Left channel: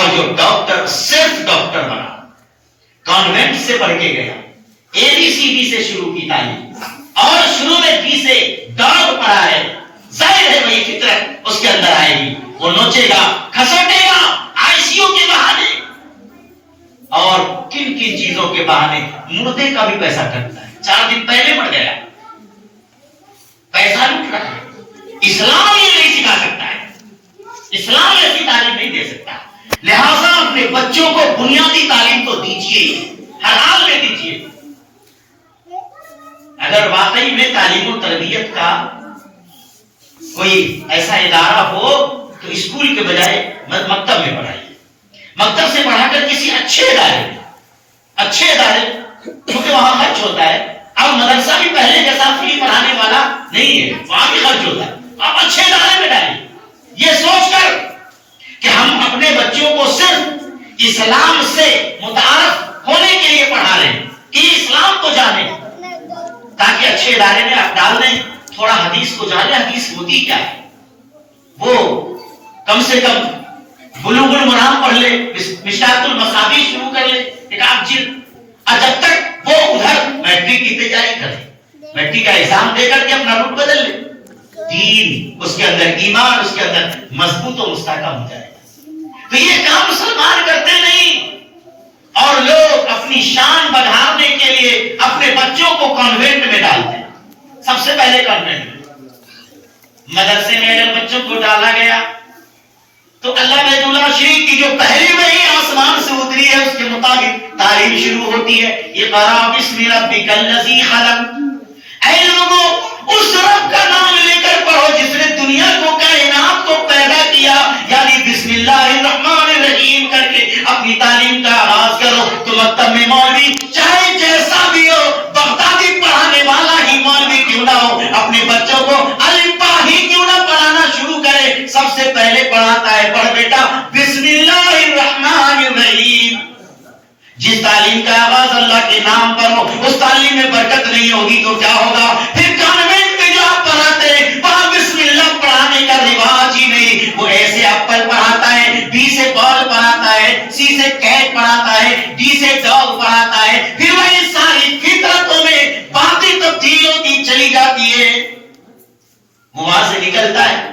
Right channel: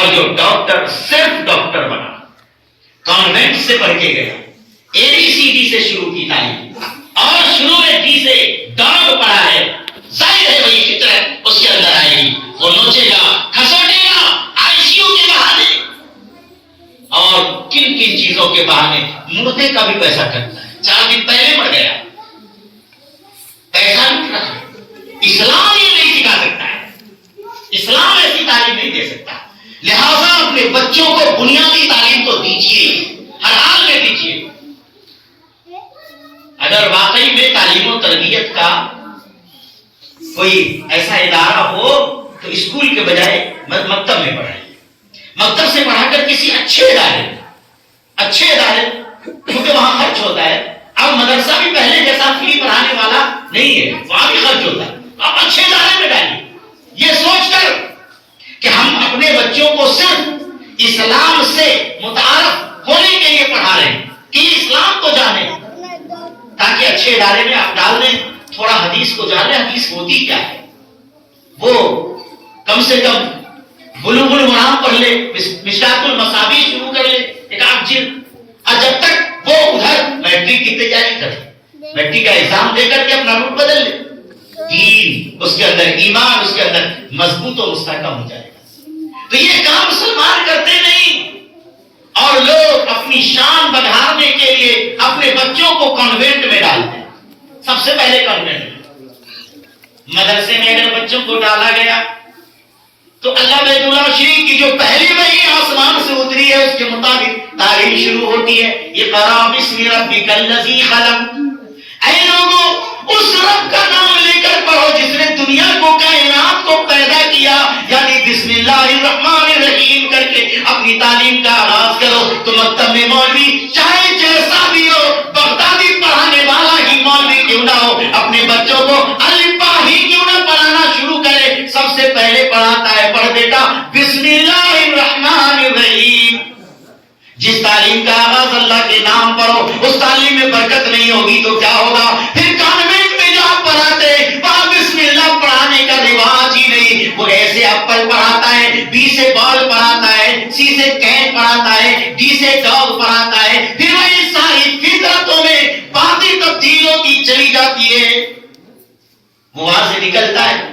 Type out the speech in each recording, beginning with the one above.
اور جو ڈاکٹر صرف ڈاکٹر بنا، کانوینٹ سے پڑھ کے گیا، ABCD سے شروع کی تعلیم اور شروع میں ڈی سے ڈاگ پڑھا ہے، ظاہر ہے وہی فطرت اس کے اندر آئے گی، وہ نوچے گا، کھسوٹے گا ICU کے بہانے اور کن کن چیزوں کے بہانے، مردے کا بھی پیسہ کرتا ہے، 4 دن پہلے مر گیا، پیسہ لوٹ رہا ہے۔ اسلام یہ نہیں سکھا سکتا ہے، اسلام ایسی تعلیم نہیں دے سکتا، لہذا اپنے بچوں کو بنیادی تعلیم تو دیجیے، ہر حال میں دیجیے۔ اگر واقعی میں تعلیم و تربیت کا کوئی ایسا ادارہ ہو تو اسکول کے بجائے مکتب میں پڑھائیے، مکتب سے پڑھا کر کسی اچھے ادارے کیونکہ وہاں خرچ ہوتا ہے۔ اب مدرسہ بھی پہلے جیسا فری پڑھانے والا نہیں ہے، وہاں بھی خرچ ہوتا ہے، آپ اچھے ادارے میں ڈالیے، یہ سوچ کر کہ ہم اپنے بچوں کو صرف اسلام سے متعارف ہونے کے لیے پڑھا رہے ہیں کہ اسلام کو جانیں، تاکہ اچھے ادارے میں آپ ڈال دیں، تھوڑا حدیث کو جان لیں، حدیث ہوتی کیا ہے، وہ کم سے کم بلوغ المرام پڑھ لے، مشکات المصابیح شروع کر لے، ایک آدھ جلد، اور جب تک وہ ادھر میٹرک کی تیاری کرے، میٹرک کا ایگزام دے کر کے اپنا روٹ بدل لے، دین اس کے اندر، ایمان اس کے اندر مضبوط و مستحکم ہو جائے گا۔ تو یہ کام مسلمان کرتے نہیں، اور لوگ اپنی شان بڑھانے کے لیے اپنے بچوں کو کانوینٹ میں ڈالتے ہیں۔ سب سے پہلے کانوینٹ میں، مدرسے میں اگر بچوں کو ڈالا گیا تو اللہ بیت اللہ شریف کی جو پہلی وحی آسمان سے اتری ہے اس کے مطابق تعلیم شروع ہوتی ہے، اقرأ بسم ربک الذی خلق، اے لوگوں اس رب کا نام لے کر پڑھو جس نے دنیا کو، کائنات کو پیدا کیا، یعنی بسم اللہ الرحمن الرحیم کر کے اپنی تعلیم کا آغاز کرو۔ تو مکتب میں مولوی چاہے جیسا بھی ہو، بغدادی پڑھانے والا ہی مولوی کیوں نہ ہو، اپنے بچوں کو الف با ہی کیوں نہ پڑھانا شروع کرے، سب سے پہلے پڑھاتا ہے، پڑھ بیٹا بسم اللہ الرحمن الرحیم۔ جس تعلیم کا آغاز اللہ کے نام پر ہو، اس تعلیم میں برکت نہیں ہوگی تو کیا ہوگا؟ پھر کانوینٹ میں جو آپ پڑھاتے ہیں وہاں بسم اللہ پڑھانے کا رواج ہی نہیں، وہ ایسے ایپل پڑھاتا ہے، B سے بال پڑھاتا ہے، C سے کیٹ پڑھاتا ہے، D سے ڈاگ پڑھاتا ہے، پھر وہی ساری فطرتوں میں باتیں تبدیل ہوتی چلی جاتی ہے۔ وہ وہاں سے نکلتا ہے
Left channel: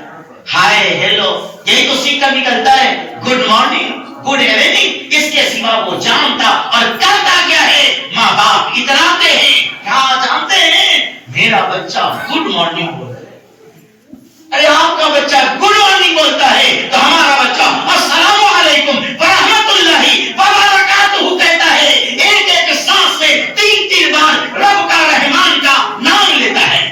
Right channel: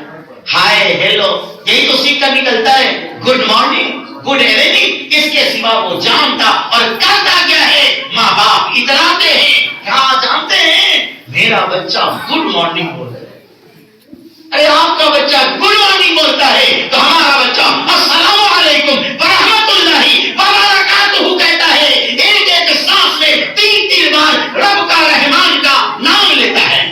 ہائے ہیلو، یہی تو سیکھ کر نکلتا ہے، گڈ مارننگ، گڈ ایوننگ، اس کے سوا وہ جانتا اور کرتا کیا ہے؟ ماں باپ اتراتے ہیں، کیا جانتے ہیں؟ میرا بچہ گڈ مارننگ بولتا ہے، ارے آپ کا بچہ گڈ مارننگ بولتا ہے تو ہمارا بچہ السلام علیکم ورحمۃ اللہ وبرکاتہ کہتا ہے، ایک ایک سانس میں 3 بار رب کا رحمان کا نام لیتا ہے،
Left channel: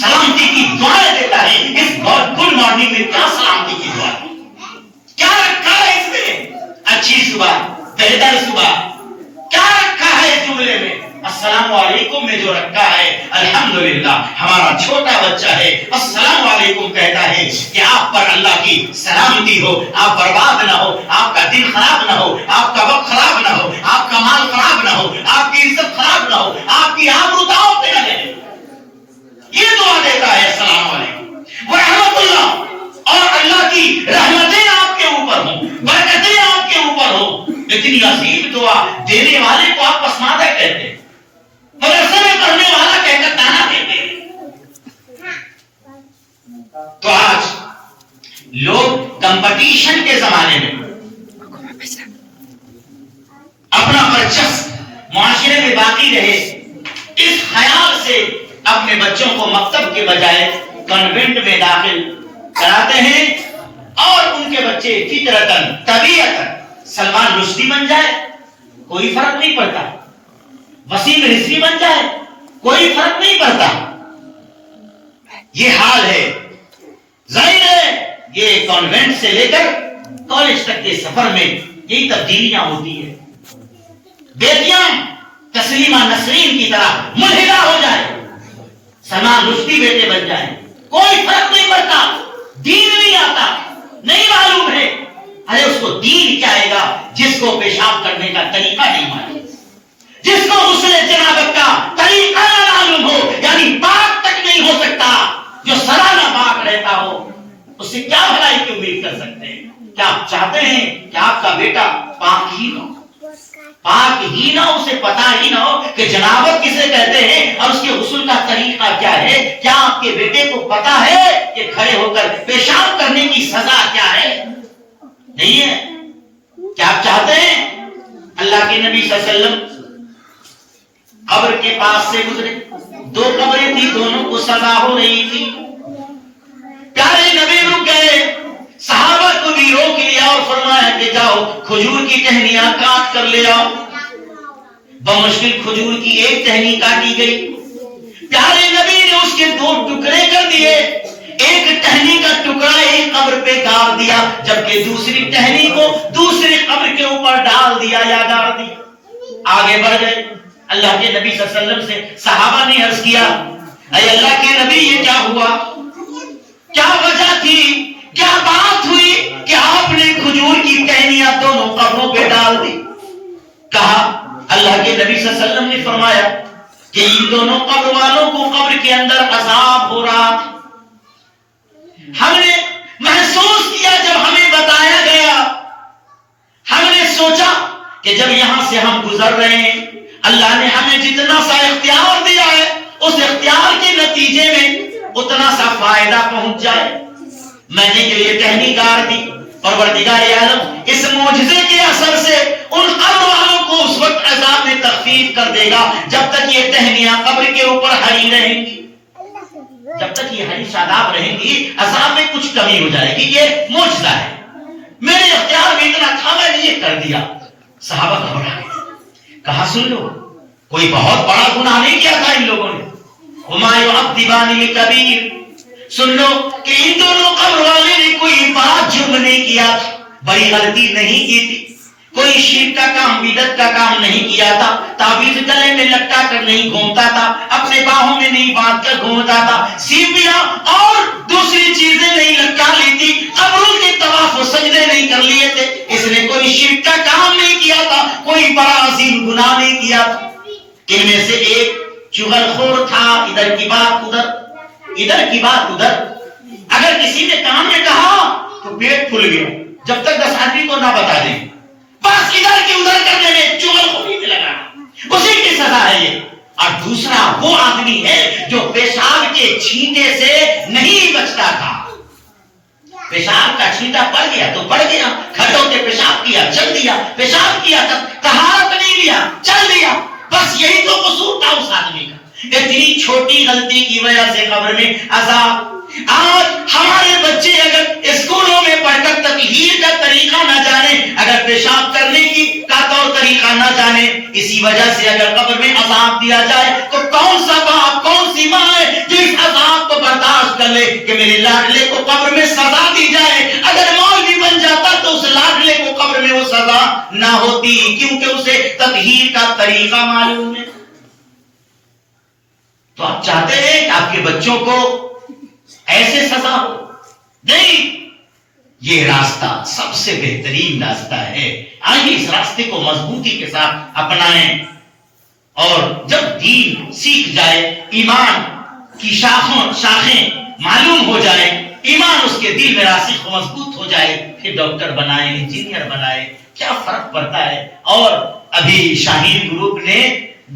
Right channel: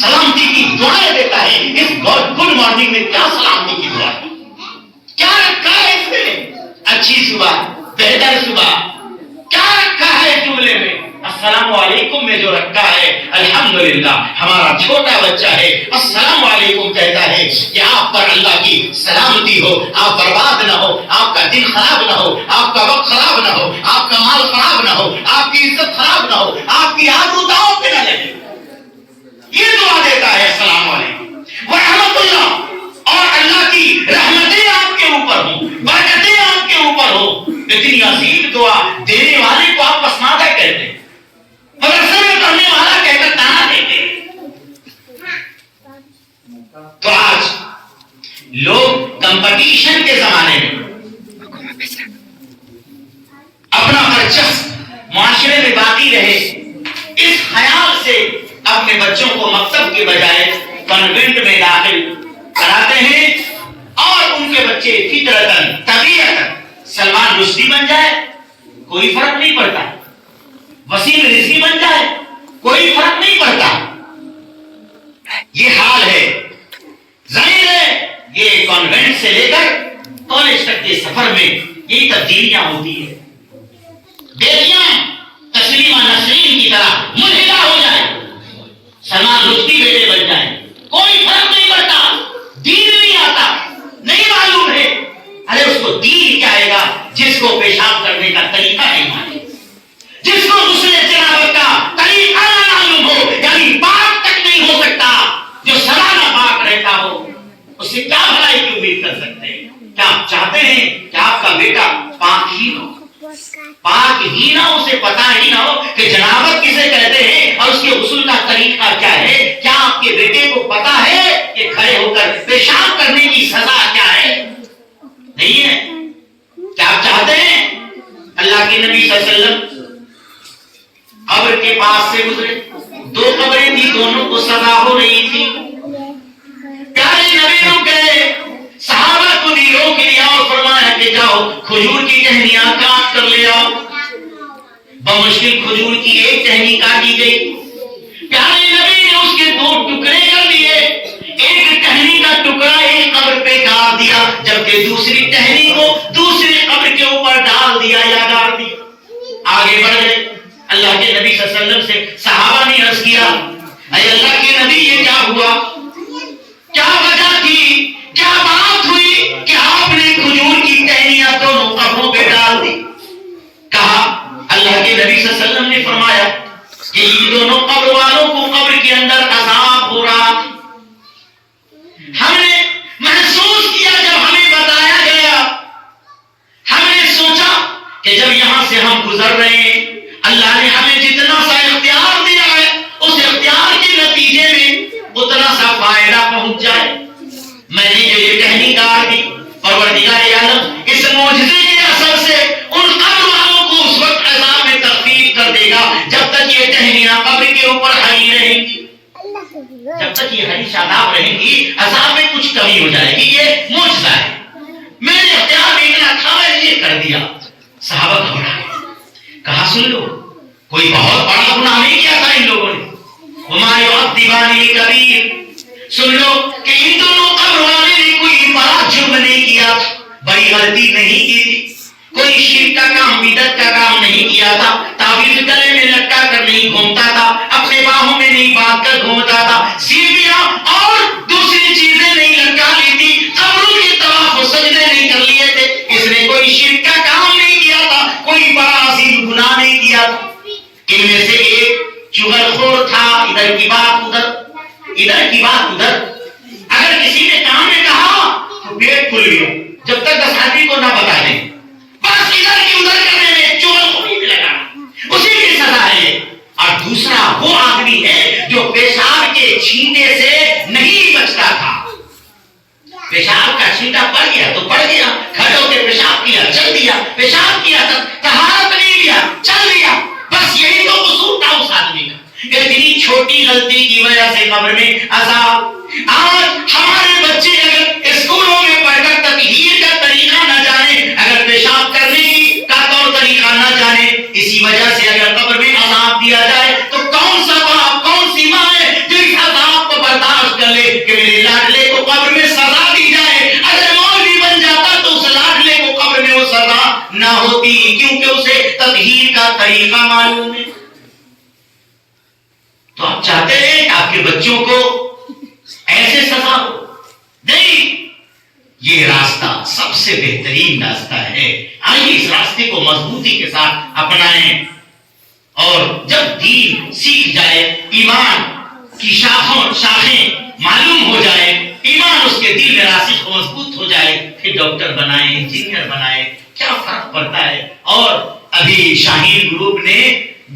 سلامتی کی دعائیں دیتا ہے۔ اس گڈ مارننگ میں کیا سلامتی کی دعا ہے؟ کیا رکھا ہے اس میں؟ اچھی صبح، بہتر صبح، کیا رکھا ہے جملے میں؟ السلام علیکم میں جو رکھا ہے، الحمدللہ ہمارا چھوٹا بچہ ہے السلام علیکم کہتا ہے کہ آپ پر اللہ کی سلامتی ہو، آپ برباد نہ ہو، آپ کا دن خراب نہ ہو، آپ کا وقت خراب نہ ہو، آپ کا مال خراب نہ ہو، آپ کی عزت خراب نہ ہو، آپ کی آبرو داؤ پہ نہ لگے، یہ دعا دیتا ہے السلام علیکم ورحمۃ اللہ، اور اللہ کی رحمتیں آپ کے اوپر ہوں، برکتیں آپ کے اوپر ہوں۔ اتنی عظیم دعا دینے والے کو آپ پسماندہ کہتے ہیں، مدرسے میں پڑھنے والا کہہ کر تانا دیتے ہیں۔ تو آج لوگ کمپٹیشن کے زمانے میں اپنا برچسپ معاشرے میں باقی رہے، اس خیال سے اپنے بچوں کو مکتب کے بجائے کانوینٹ میں داخل کراتے ہیں، اور ان کے بچے فطرتاً طبیعتاً سلمان رشدی بن جائے کوئی فرق نہیں پڑتا، وسیم رضوی بن جائے کوئی فرق نہیں پڑتا۔ یہ حال ہے، ظاہر ہے یہ کانوینٹ سے لے کر کالج تک کے سفر میں یہی تبدیلیاں ہوتی ہیں۔ بیٹیاں تسلیمہ نسرین کی طرح ملحدہ ہو جائے، سلمان رشدی بیٹے بن جائیں، کوئی فرق نہیں پڑتا، دین نہیں آتا، نہیں معلوم ہے، ارے اس کو دین کیا آئے گا جس کو پیشاب کرنے کا طریقہ نہیں معلوم، جس کو غسل جنابت کا طریقہ نہ معلوم ہو، یعنی پاک تک نہیں ہو سکتا، جو سالانہ پاک رہتا ہو، اس سے کیا بھلائی کی امید کر سکتے ہیں؟ کیا آپ چاہتے ہیں کہ آپ کا بیٹا پاک ہی نہ ہو؟ پاک ہی نہ ہو، اسے پتا ہی نہ ہو کہ جنابت کسے کہتے ہیں اور اس کے غسل کا طریقہ کیا ہے؟ کیا آپ کے بیٹے کو پتا ہے کہ کھڑے ہو کر پیشاب کرنے کی سزا کیا ہے؟ نہیں ہے۔ کیا آپ چاہتے ہیں اللہ کے نبی صلی اللہ علیہ وسلم قبر کے پاس سے گزرے، دو قبریں تھی، دونوں کو سزا ہو رہی تھی، پیارے نبی رک گئے، صحابہ کو بھی روک لیا اور فرمایا کہ جاؤ کھجور کی ٹہنیاں کاٹ کر لے آؤ۔ بمشکل کھجور کی ایک ٹہنی کاٹی گئی، پیارے نبی نے اس کے دو ٹکڑے کر دیے، ایک ٹہنی کا ٹکڑا ایک قبر پہ گاڑ دیا، جبکہ دوسری ٹہنی کو دوسری قبر کے اوپر ڈال دیا یا گاڑ دیا۔ آگے بڑھ گئے، اللہ کے نبی صلی اللہ علیہ وسلم سے صحابہ نے عرض کیا، اے اللہ کے نبی یہ کیا ہوا؟ کیا وجہ تھی؟ کیا بات ہوئی کہ آپ نے کھجور کی ٹہنیاں دونوں قبروں پہ ڈال دی؟ کہا اللہ کے نبی صلی اللہ علیہ وسلم نے فرمایا کہ ان دونوں قبر والوں کو قبر کے اندر عذاب ہو رہا تھا۔ ہم نے محسوس کیا جب ہمیں بتایا گیا، ہم نے سوچا کہ جب یہاں سے ہم گزر رہے ہیں، اللہ نے ہمیں جتنا سا اختیار دیا ہے اس اختیار کے نتیجے میں اتنا سا فائدہ پہنچ جائے۔ میں نے جو یہ ٹہنی گاڑ دی، پروردگار عالم اس معجزے کے اثر سے ان قبر والوں کو اس وقت عذاب میں تخفیف کر دے گا جب تک یہ ٹہنیاں قبر کے اوپر ہری رہیں گی، جب تک یہ ہری شاداب رہیں گی عذاب میں کچھ کمی ہو جائے گی۔ یہ معجزہ ہے، میرے اختیار میں اتنا تھا، میں نے یہ کر دیا۔ صحابہ گھبرا گئے، کہا سن لو کوئی بہت بڑا گناہ نہیں کیا تھا ان لوگوں نے، وما يعذبان بكبير، سن لو کہ ان دونوں قبر والے نے کوئی بڑا جرم نہیں کیا تھا، بڑی غلطی نہیں کی تھی، کوئی شرک کا کام بدعت کا کام نہیں کیا تھا، تعویذ گلے میں لٹکا کر نہیں گھومتا تھا، اپنے باہوں میں نہیں باندھ کر گھومتا تھا، سیپیاں اور دوسری چیزیں نہیں لٹکا لی تھی، قبروں کے طواف و سجدے نہیں کر لیے تھے، اس نے کوئی شرک کا کام نہیں کیا تھا، کوئی بڑا عظیم گناہ نہیں کیا تھا۔ ان میں سے ایک چغل خور تھا، ادھر کی بات ادھر، ادھر کی بات ادھر، اگر کسی نے کام میں کہا تو پیٹ کھل گیا، جب تک 10 آدمی کو نہ بتا دیں، بس ادھر کی ادھر کرنے میں چغل خوری میں لگا، اسی کی سزا ہے یہ۔ اور دوسرا وہ آدمی ہے جو پیشاب کے چھینٹے سے نہیں بچتا تھا، پیشاب کا چھینٹا پڑ گیا تو پڑ گیا، کھڑے ہو کے پیشاب کیا چل دیا، پیشاب کیا طہارت نہیں لیا چل دیا، بس یہی تو قصور تھا اس آدمی کا۔ اتنی چھوٹی غلطی کی وجہ سے قبر میں عذاب۔ آج ہمارے بچے اگر اسکولوں میں پڑھ کر تطہیر کا طریقہ نہ جانے، اگر پیشاب کرنے کی کا طور طریقہ نہ جانے، اسی وجہ سے اگر قبر میں عذاب دیا جائے تو کون سا باپ کون سی ماں ہے جو اس عذاب کو برداشت کر لے کہ میرے لاڈلے کو قبر میں سزا دی جائے؟ اگر مولوی بن جاتا تو اس لاڈلے کو قبر میں وہ سزا نہ ہوتی، کیونکہ اسے تطہیر کا طریقہ معلوم ہے۔ تو آپ چاہتے ہیں کہ آپ کے بچوں کو ایسے سزا ہو؟ نہیں، یہ راستہ سب سے بہترین راستہ ہے۔ آئیے اس راستے کو مضبوطی کے ساتھ اپنائیں، اور جب دین سیکھ جائے، ایمان کی شاخیں معلوم ہو جائے، ایمان اس کے دل میں راسخ مضبوط ہو جائے، پھر ڈاکٹر بنائے، انجینئر بنائے، کیا فرق پڑتا ہے۔ اور ابھی شاہین گروپ نے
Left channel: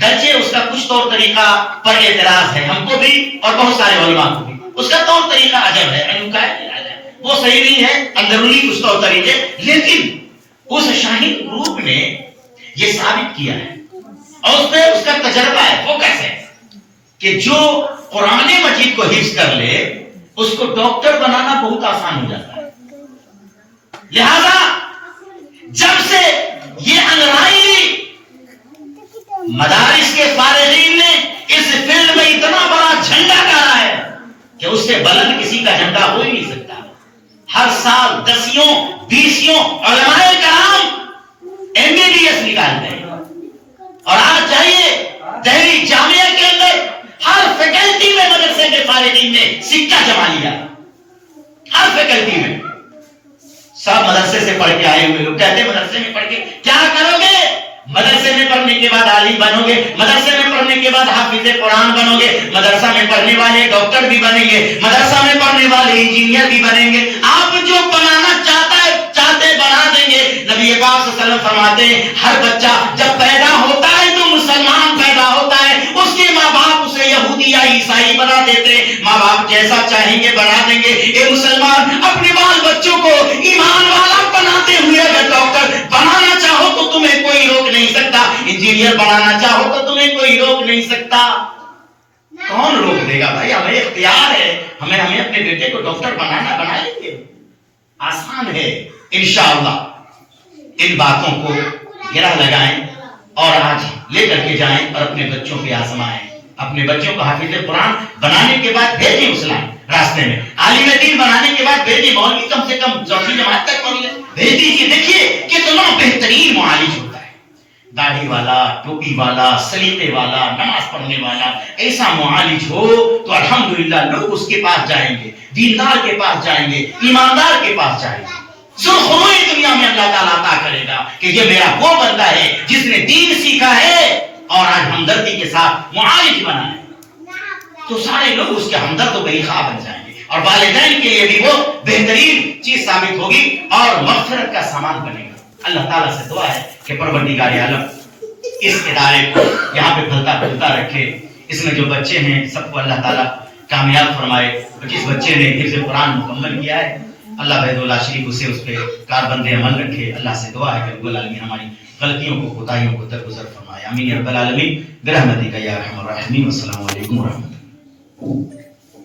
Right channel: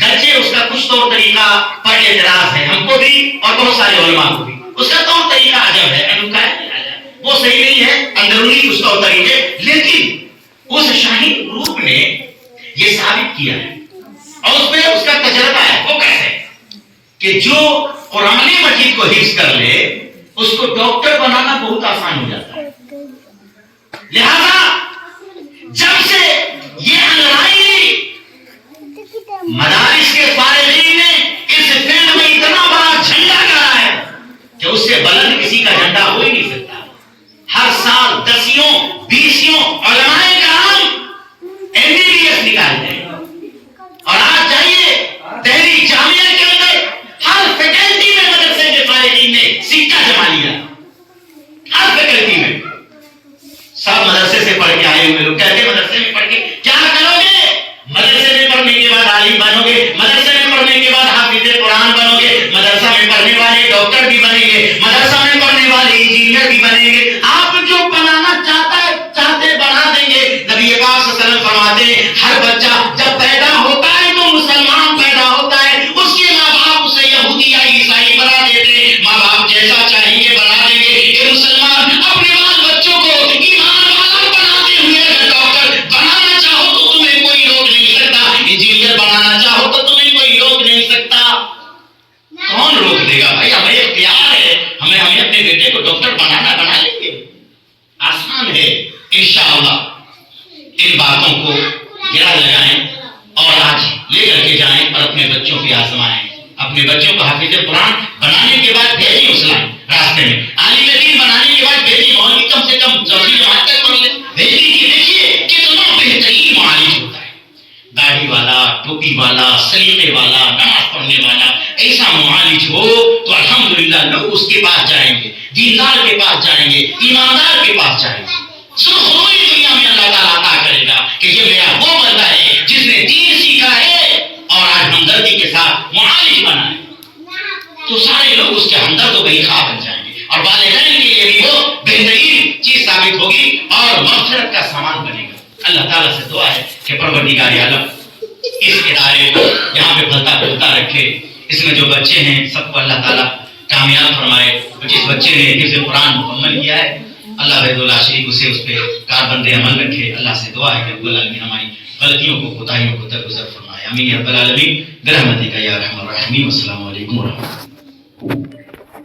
گرچہ اس کا کچھ طور طریقہ پر اعتراض ہے، ہم کو بھی اور بہت سارے علماء کو بھی، اس کا طور طریقہ عجب ہے، انوکھا ہے، وہ صحیح نہیں ہے، اندرونی کچھ طور طریقے، لیکن اس شاہین گروپ نے یہ ثابت کیا ہے اور اس پہ اس کا تجربہ ہے، وہ کیسے کہ جو قرآن مجید کو حفظ کر لے اس کو ڈاکٹر بنانا بہت آسان ہو جاتا ہے۔ لہذا جب سے یہ انگرائنی مدارس کے فارغین نے اس فیلڈ میں اتنا بڑا جھنڈا گاڑا ہے کہ اس سے بلند کسی کا جھنڈا ہو ہی نہیں سکتا۔ ہر سال 10 20 علماء کرام MBBS نکالتے ہیں، اور آج جائیے دہلی جامعہ کے اندر ہر فیکلٹی میں مدرسے کے فارغین نے سکہ جما لیا، ہر فیکلٹی میں۔ سب مدرسے سے پڑھ کے آئے ہوئے لوگ کہتے ہیں مدرسے میں پڑھ کے کیا کرو گے؟ مدرسے میں پڑھنے کے بعد عالم بنو گے، مدرسے میں پڑھنے کے بعد حافظ قرآن بنو گے، مدرسہ میں پڑھنے والے ڈاکٹر بھی بنیں گے، مدرسہ میں پڑھنے والے انجینئر بھی بنیں گے۔ آپ جو بنانا چاہتے وسلم فرماتے ہیں ہر بچہ جب پیدا ہوتا ہے تو مسلمان پیدا ہوتا ہے، اس کے ماں باپ اسے یہودی یا عیسائی بنا دیتے ہیں، ماں باپ جیسا چاہیں گے بنا دیں گے۔ اے مسلمان اپنے بال بچوں کو ایمان والا بناتے ہوئے اگر ڈاکٹر بنانا چاہو تو تمہیں کوئی روک نہیں سکتا، انجینئر بنانا چاہو تو تمہیں کوئی روک نہیں سکتا۔ کون روک دے گا بھائی؟ ہمیں اختیار ہے، ہمیں اپنے بیٹے کو ڈاکٹر بنا لیں گے، آسان ہے۔ انشاءاللہ ان باتوں کو گرا لگائیں اور آج لے کر کے جائیں اور اپنے بچوں کے آزمائیں، اپنے بچوں کو حافظ قرآن بنانے کے بعد بھیجیں اسلام راستے میں، عالم دین بنانے کے بعد بھیجیں، مولوی کم سے کم 10ویں جماعت تک پڑھ لیں، بھیج دیجیے۔ دیکھیے کتنا بہترین معالج ہوتا ہے، داڑھی والا، ٹوپی والا، سلیقے والا، نماز پڑھنے والا، ایسا معالج ہو تو الحمدللہ لوگ اس کے پاس جائیں گے، دیندار کے پاس جائیں گے، ایماندار کے پاس جائیں گے۔ سرخروئی دنیا میں اللہ تعالیٰ عطا کرے گا کہ یہ میرا وہ بندہ ہے جس نے دین سیکھا ہے اور آج ہمدردی کے ساتھ معالج بنا ہے، تو سارے لوگ اس کے ہمدرد و خواہ بن جائیں گے، اور والدین کے لیے بھی وہ بہترین چیز ثابت ہوگی اور مغفرت کا سامان بنے گا۔ اللہ تعالیٰ سے دعا ہے کہ پروردگار عالم اس ادارے کو یہاں پہ پھلتا پھولتا رکھے، اس میں جو بچے ہیں سب کو اللہ تعالیٰ کامیاب فرمائے۔ جس بچے نے حفظ قرآن مکمل کیا ہے اللہ بھائی اللہ شریف اسے اس پہ کاربند عمل رکھے۔ اللہ سے دعا ہے کہ رب العالمین ہماری غلطیوں کو، کوتاہیوں کو درگزر فرمائے۔ آمین یا رب العالمین برحمتک یا ارحم الراحمین۔ والسلام علیکم ورحمۃ اللہ۔